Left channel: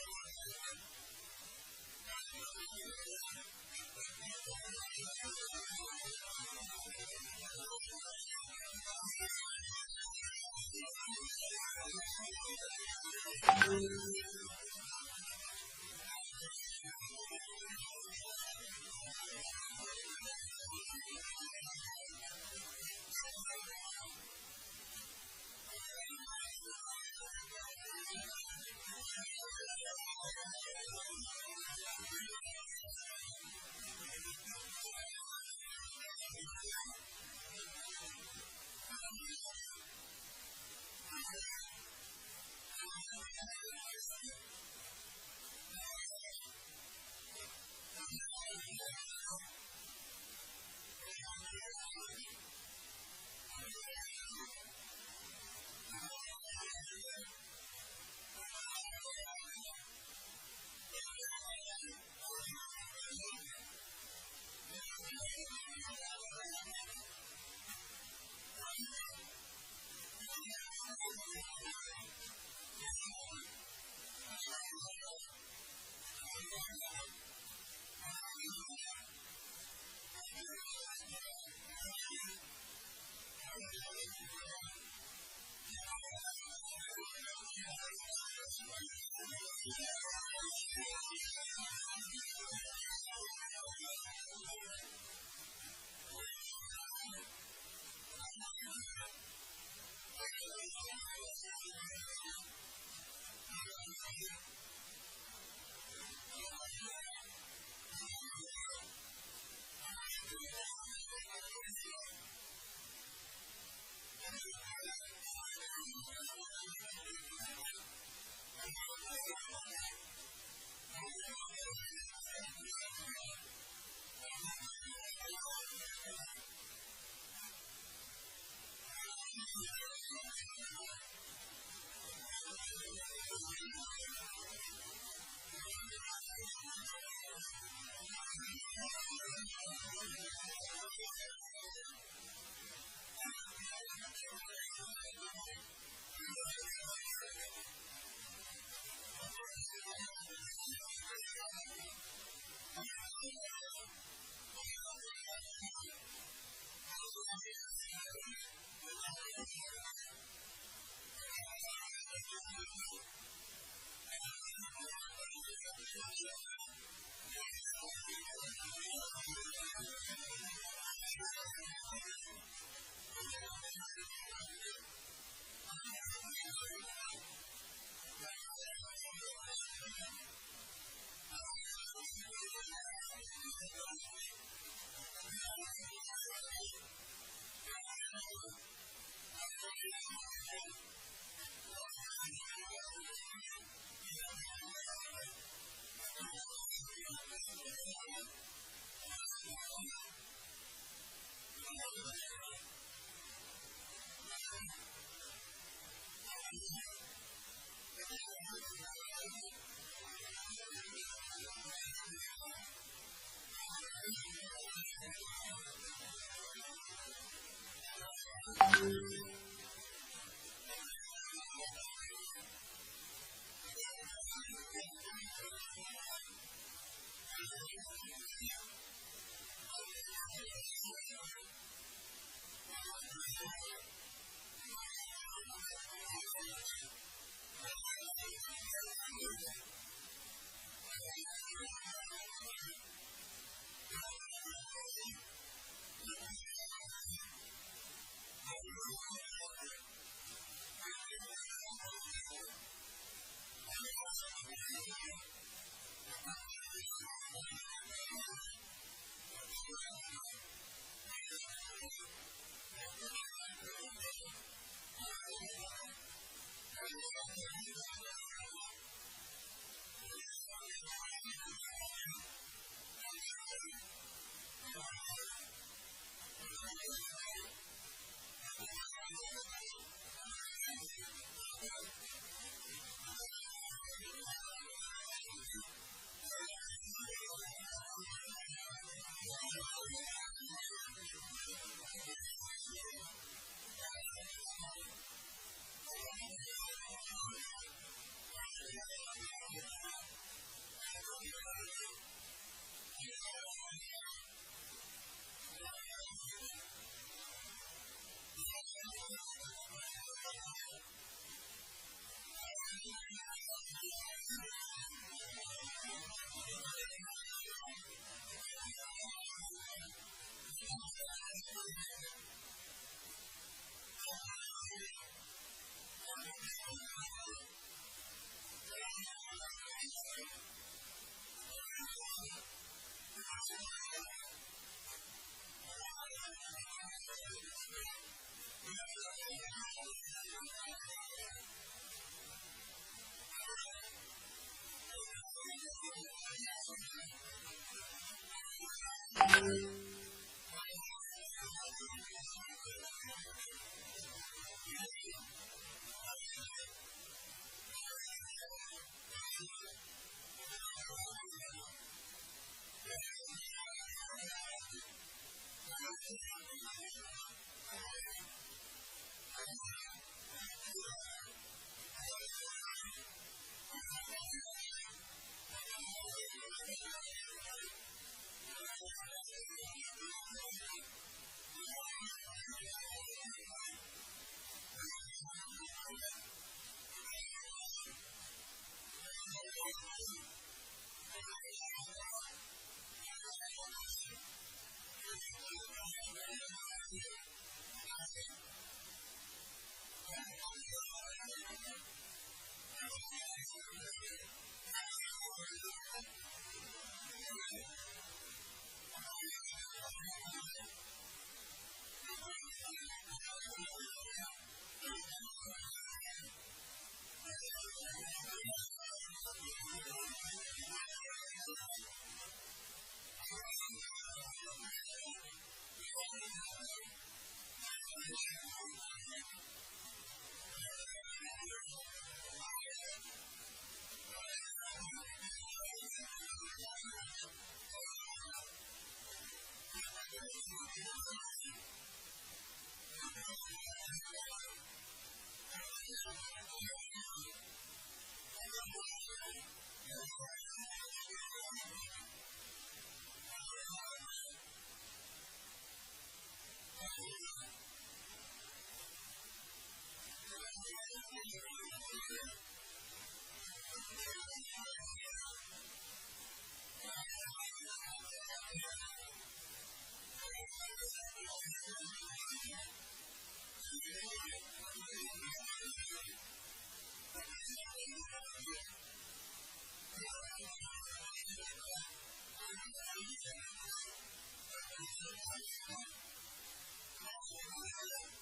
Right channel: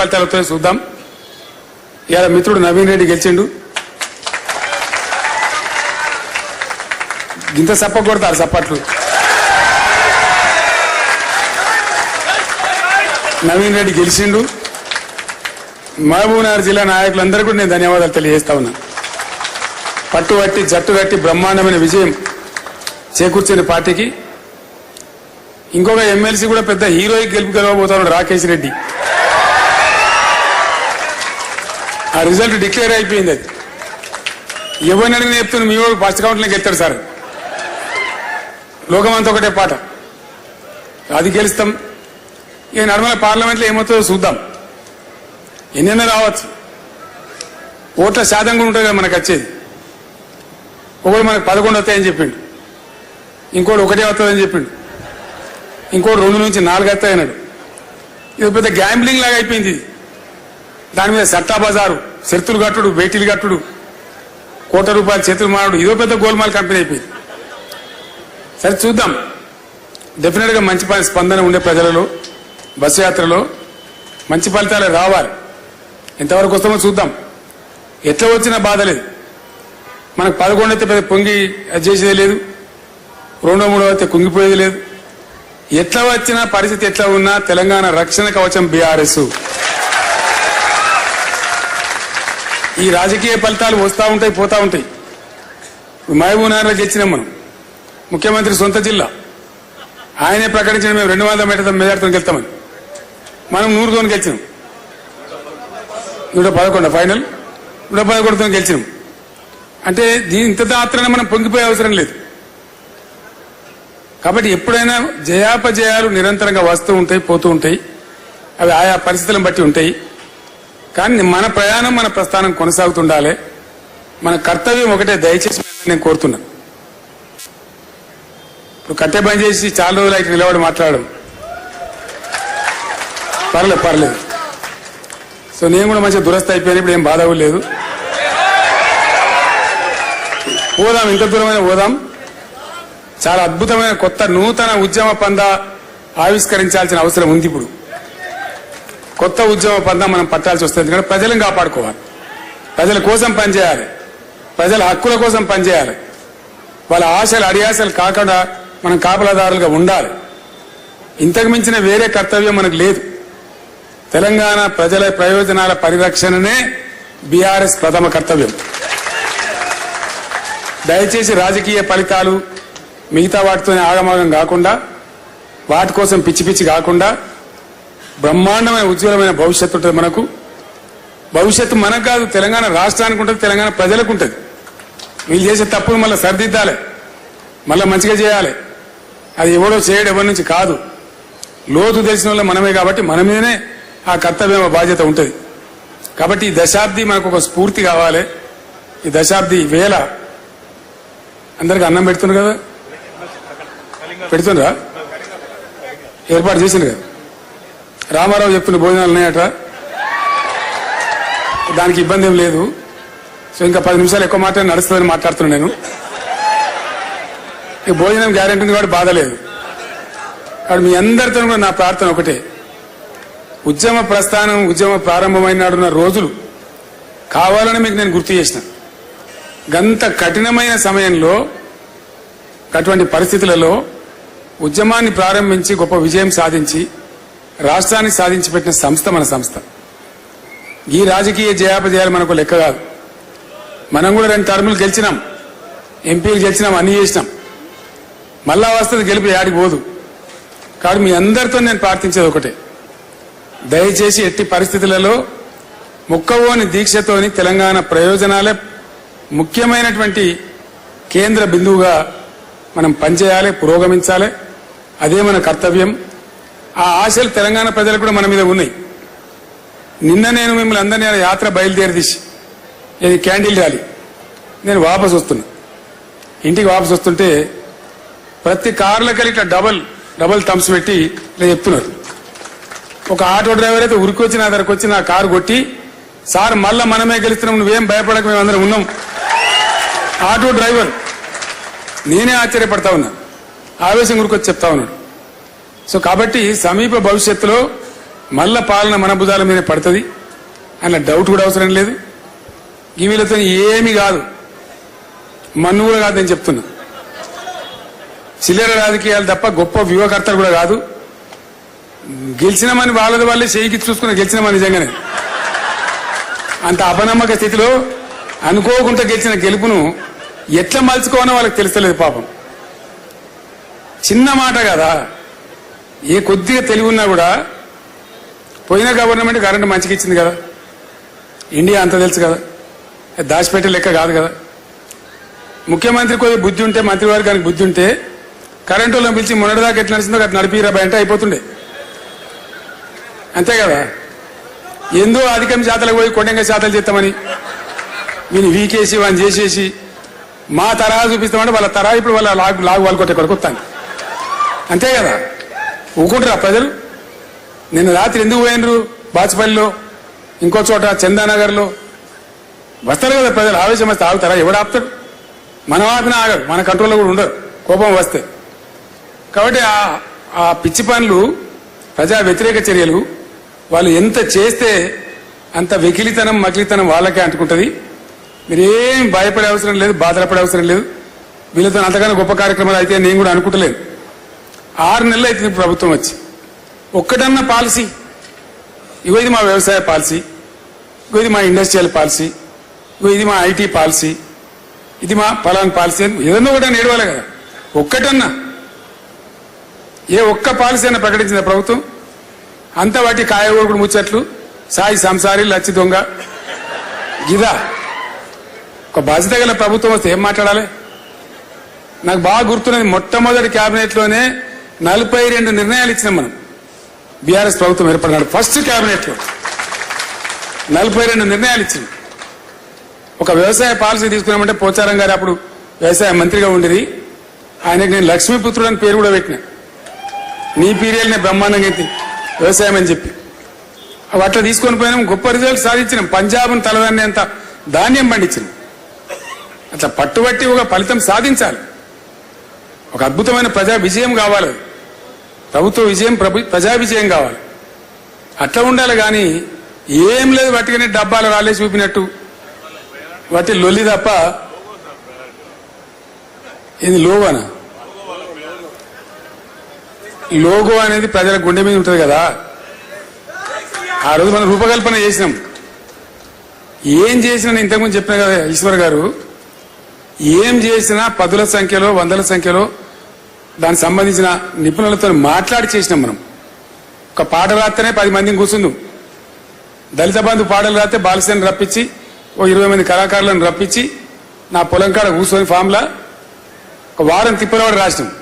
ఫలితాలు వస్తాయో చూద్దాం. ఇవాళ మిత్రుడు నవీన్ రెడ్డి గెలిచిండు. ఇంత సప్ప కొడతారు సప్పట్లు నవీన్ రెడ్డి గెలిచిండు. మహబూబ్నగర్ జిల్లా నాయకులందరూ కూడా నేను ధన్యవాదాలు తెలియజేస్తా ఉన్నా. పట్టు పట్టి జట్టు కట్టి బ్రహ్మాండమైన విజయం చేకూర్చిన పార్టీకి. ఇంకొక ఎమ్మెల్సీ కూడా పెద్ద హీరోయిక్ గెలుపు గెలవబోతున్నాడు రాకేష్ రెడ్డి. ఆ రిజల్ట్ డిక్లేర్ అయిపోయింది. అది ఎవరిని అడిగిన చెప్తున్నా మీ వాడు ఫస్ట్ కౌంట్లోకి ఎత్తారు సార్. లోకమంతా ఒకటే పాట. అది గెలుస్తాం. ఇక నర్మల పార్లమెంట్లో ఏమవుతుందో చూద్దాం. ఎన్నెన్నో రావచ్చు. ఓట్ల శాతం కూడా ఉంటుంది కదా మనకు వచ్చేది. ఒకడు మనకు పదకొండు వస్తాయని చెప్పిండు. ఇంకోటి ఒకటే వస్తుందని చెప్పిండు. ఇంకోటి రెండు నుంచి నాలుగు వస్తాయన్నాడు. ఇది పెద్ద గ్యాంబ్లింగ్ లాగా అయిపోయింది ఇది. దాని మీద సట్టా బజారు శర్తులు కట్టుడు బేటీలు కట్టుడు కోట రూపాయలు చేతులు మారడు. ఇదో పెద్ద గోల్మాల్ కంపెనీ అయిపోయింది. సరే చూద్దాం. డెఫినెట్గా మంచి స్పందన ఉండే ప్రజలలో బస్సు యాత్రలో మంచి ఫలితాలు రావాలి. ఎంతవరకు వస్తామో చూద్దాం. ఎట్లా వచ్చినా బాధ లేదు. మనకు పదకొండు అయితే పెద్ద పొంగి అది చేసేది లేదు. రెండో మూడో అయితే కుంగిపోయేది లేదు. ఎట్లా వచ్చినా పరిస్థితి ఎట్లా ఉన్నా తెలంగాణ రక్షణ కవచం బీఆర్ఎస్. ఈ రాజకీయ ఫలితాలు వస్తూ ఉంటాయి పోతా ఉంటాయి. మహబూబ్ గెలిచినాం మనం. ముఖ్యమంత్రి సొంత జిల్లా. ఆయనే ప్రకటించిన మేము రెండు వందల మీటర్ మెజార్టీతో గెలుతామని. మనం నూరుతో గెలిచినాం. నూట పదకొండు ఫైనల్ నూట పదకొండుతో గెలిచినాం. అంటే దీని ఇంత మాత్రాన మనం పొంగిపోయే అవసరం లేదు. కాబట్టి ఎప్పుడైనా జయాపజయాలు నిరంతరంగా వస్తూ ఉంటాయి పోతూ ఉంటాయి. అవి ఆయా పరిస్థితులను బట్టి ఉంటాయి. కానీ మన ప్రయాణం మన ప్రస్థానం కొనసాగుతుండాలి. మన కర్తవ్యం ఒకటే దయచేసి నేను కోరుతున్నా. ఇప్పుడు కట్టె బంద్ చేసి చాలా రోజులు అయితే నిలబడి మాట్లాడడం. పర్లేదు పర్లేదు. సో నేను కూడా మంచిగా దురస్థ అయిపోయాను ఇప్పుడు ఏం బాధ లేదు. పోదాం ఇంత దూరమైన పోదాం. చాలా అద్భుతమైన కొత్త నూతన ఉద్యమ పంద ఆవిష్కరించాల్సిన అవసరం ఉంది ఇప్పుడు. కొత్త ఉద్యమ పంద మనం పట్టాల్సి వస్తుంది. ఎందుకంటే ప్రజలను కాపాడుకోవాలి. ప్రజల కోసం పనిచేయాలి. ప్రజల హక్కుల కోసం పనిచేయాలి. వాళ్ళ ఆశలు అడియాశలు కాకుండా మనం కాపలాదారులుగా ఉండాలి. ఇంతకు మించిన వేరే కర్తవ్యం మనకు లేదు. తెలంగాణ ప్రజల ప్రయోజనాల పరిరక్షణనే బీఆర్ఎస్ ప్రథమ కర్తవ్యం. దయచేసి రాజకీయ ఫలితాలు మిగతా వాటితోనే ఆగమాగం కాకుండా వాటి కోసం పిచ్చి పిచ్చి కాకుండా బ్రహ్మాండమైన ఉజ్వలమైన భవిష్యత్తు ఉంటుంది మనకు. భవిష్యత్తు మనకు కాదు తెలంగాణ రాష్ట్రానికి ఉంటుంది తెలంగాణ ప్రజలకు ఉంటుంది. వీళ్ళు చేసే తప్పులు మళ్ళీ సరిదిద్దాలి. మళ్ళీ మంచిగా చేయాలి. అది ఎవడో చేయడం ఎవరి నుంచి కాదు. లోతు తెలిసిన వాళ్ళ మనమే కాబట్టి మన మీదనే ఆ కర్తవ్యం బాధ్యత ఉంటుంది. కాబట్టి ఈ దశాబ్ది మనకు ఒక స్ఫూర్తి కావాలి. ఈ దశాబ్ది వేల అందరికి అన్నం పెడుతున్నారు కదా? పెడుతుండ్రా? ఏర్పాటు చేసిండ్రు కదా? రామారావు చెప్తున్న భోజనాలు ఉన్నాయట. దానికి ఇబ్బంది ఏం లేదు. సో ఇంకా పది నిమిషాలు ఎక్కువ మాట నడుస్తుందని మాట్లాడుతున్నాను నేను. ఈ భోజనం గ్యారెంటీ ఉంది కాబట్టి బాధ లేదు. కాబట్టి మీ అందరితో కూడా నా ప్రార్థన ఒకటే. ఉద్యమ ప్రస్థానం ఉద్యమ ప్రారంభమైన నాడున్న రోజులు కావాలని మీకు నేను గుర్తు చేసిన. గంత కఠినమైన సమయంలో అటువంటి పరిస్థితులలో ఉద్యమాన్ని ప్రారంభించి గొప్ప విజయం సాధించి రాష్ట్రాన్ని సాధించి పెట్టిన సంస్థ మన సంస్థ. ఈ రాజకీయ జయాపజయాలు మనకు లెక్క కాదు. మనం కూడా రెండు టర్ములు గెలిచినాం. ఎంపీలు గెలిచినాం అన్ని చేసినాం. మళ్ళా వస్తుంది గెలిపి ఆడికి పోదు. కాబట్టి మీ అందరితో నేను ప్రార్థించేది ఒకటే. దయచేసి ఎట్టి పరిస్థితులలో ముక్కవోని దీక్షతోని తెలంగాణ ప్రయోజనాలే ముఖ్యమైనటువంటి కేంద్ర బిందువుగా మనం పనిచేయాలి పురోగమించాలి. అదే మన కర్తవ్యం. ఆ ఆశలు తెలంగాణ ప్రజలకు కూడా మన మీద ఉన్నాయి. నిన్న నేను మిమ్మల్ని అందరినీ యాత్ర బయలుదేరి తీసి ఇది క్యాండిల్ ర్యాలీ. నేను వాపస్ వస్తున్నా. ఇంటికి వాపసు వస్తుంటే ప్రతి కార్లకి ఇట్లా డబల్ డబల్ థమ్స్ పెట్టి ఇలా చెప్తున్నారు. ఒక ఆటో డ్రైవర్ అయితే ఉరికి వచ్చి నా దగ్గరకు వచ్చి నా కారు కొట్టి సార్ మళ్ళా మనమే గెలుస్తున్నాం నువ్వేం భయపడక మేము అందరం ఉన్నాం. ఆటో డ్రైవర్ నేనే ఆశ్చర్యపడతా ఉన్నా. ఆవేశం గురికొచ్చి చెప్తా ఉన్నాడు. సో కాబట్టి సమీప భవిష్యత్తులో మళ్ళా పాలన మన భుజాల మీద పడుతుంది అన్న డౌట్ కూడా అవసరం లేదు. ఈ వీళ్ళతో ఏమి కాదు. మన్ను కూడా కాదని చెప్తున్నా. చిల్లర రాజకీయాలు తప్ప గొప్ప వ్యూహకర్తలు కూడా కాదు. గెలిచినమని వాళ్ళది వాళ్ళే చేయికి చూసుకుని గెలిచినమని నిజంగానే. అంత అపనమ్మక స్థితిలో అనుకోకుండా గెలిచిన గెలుపును ఎట్లా మలుచుకోవాలో వాళ్ళకి తెలుస్తలేదు పాపం. చిన్న మాట కదా. ఏ కొద్దిగా తెలివి ఉన్నా కూడా పోయిన గవర్నమెంట్ కరెంటు మంచిగా ఇచ్చింది కదా. ఇండియా అంత తెలుసు కదా. దాచిపెట్టే లెక్క కాదు కదా. ముఖ్యమంత్రి కొద్దిగా బుద్ధి ఉంటే మంత్రివర్గానికి బుద్ధి ఉంటే కరెంటు వాళ్ళని పిలిచి మొన్నటిదాకా ఎట్లా నడిచిందో అట్లా నడిపిరా అంటే అయిపోతుండే. అంతే కదా. ఎందో అధికం జాతలకు పోయి కొండంగా జాతలు చేస్తామని? వీని వీకేసి వాని చేసేసి మా తరహా చూపిస్తామంటే వాళ్ళ తరహా ఇప్పుడు వాళ్ళ లాగు లాగు వాళ్ళు కొట్టే కొడుకు వస్తాను అంతే కదా. ఊకుంటారా ప్రజలు? నిన్న రాత్రి ఎందుకు పోయినరు? బాచుపల్లిలో ఇంకో చోట చందానగర్లో? వస్తారు కదా ప్రజలు ఆవేశం వస్తే ఆగుతారా? ఎవడు ఆపుతాడు? మనం ఆపినా ఆగరు మన కంట్రోల్లో కూడా ఉండరు కోపం వస్తే. కాబట్టి ఆ- ఆ పిచ్చి పనులు ప్రజా వ్యతిరేక చర్యలు వాళ్ళు ఎంత చేస్తే అంత వెకిలితనం మకిలితనం వాళ్ళకే అంటుకుంటుంది. మీరేం భయపడే అవసరం లేదు బాధపడే అవసరం లేదు. వీళ్ళతో అంతకన్నా గొప్ప కార్యక్రమాలు అయితే నేను కూడా అనుకుంటలేదు. ఆరు నెలలు అవుతుంది ప్రభుత్వం వచ్చి. ఒక్కటన్నా పాలసీ. ఇగో ఇది మా వ్యవసాయ పాలసీ. ఇగో ఇది మా ఇండస్ట్రియల్ పాలసీ. ఇగో ఇది మా ఐటీ పాలసీ. ఇది మా ఫలాన్ పాలసీ అని ఏదన్నా కూడా నేడవాలి కదా. ఒక్కటన్నా. ఏ ఒక్క పాలసీ అయినా ప్రకటించిన ప్రభుత్వం? అంత వాటి కాయగూడు ముచ్చట్లు సాయి సంసారి లచ్చి దొంగ. గిదా ఒక బాధ్యత గల ప్రభుత్వం వస్తే ఏం మాట్లాడాలి? నాకు బాగా గుర్తున్నది మొట్టమొదటి క్యాబినెట్లోనే నలభై రెండు నిర్ణయాలు ఇచ్చినాం మనం. బీఆర్ఎస్ ప్రభుత్వం ఏర్పడినాడు. ఫస్ట్ క్యాబినెట్లో నలభై రెండు నిర్ణయాలు ఇచ్చింది ఒక వ్యవసాయ పాలసీ తీసుకున్నామంటే పోచారం గారు అప్పుడు వ్యవసాయ మంత్రిగా ఉండేది ఆయనకి నేను లక్ష్మీపుత్రుడు అని పేరు కూడా పెట్టిన. నీ పీరియల్నే బ్రహ్మాండంగా అయితే వ్యవసాయం అని చెప్పి. అవి అట్లా తీసుకొని పోయినాం గొప్ప రిజల్ట్ సాధించినాం. పంజాబ్ను తలదన్నేంత ధాన్యం పండించినాం. అట్లా పట్టుబట్టి ఒక ఫలితం సాధించాలి. ఒక అద్భుతమైన ప్రజా విజయం కావాలి అది. ప్రభుత్వ విజయం ప్రభు- ప్రజా విజయం కావాలి. అట్లా ఉండాలి కానీ ఏం లేదు వాటికనే డబ్బాలు రాలేసి చూపినట్టు. వాటి లొల్లి తప్ప ఇది లోగోనా? లోగో అనేది ప్రజల గుండె మీద ఉంటుంది కదా. ఆ రోజు మనం రూపకల్పన చేసినాం. ఏం చేసినా నేను ఇంతకుముందు చెప్పిన కదా ఈశ్వర్ గారు ఏం చేసినా పదుల సంఖ్యలో వందల సంఖ్యలో దానికి సంబంధించిన నిపుణులతో మాట్లాడి చేసినాం మనం. ఒక పాట రాస్తేనే పది మందిని కూర్చుందాం. దళిత బంధు పాటలు రాస్తే బాలసేన రప్పించి ఓ ఇరవై మంది కళాకారులను రప్పించి నా పొలం కాడ కూర్చొని ఫామ్లా ఒక వారం తిప్పలవాడు రాసినాం.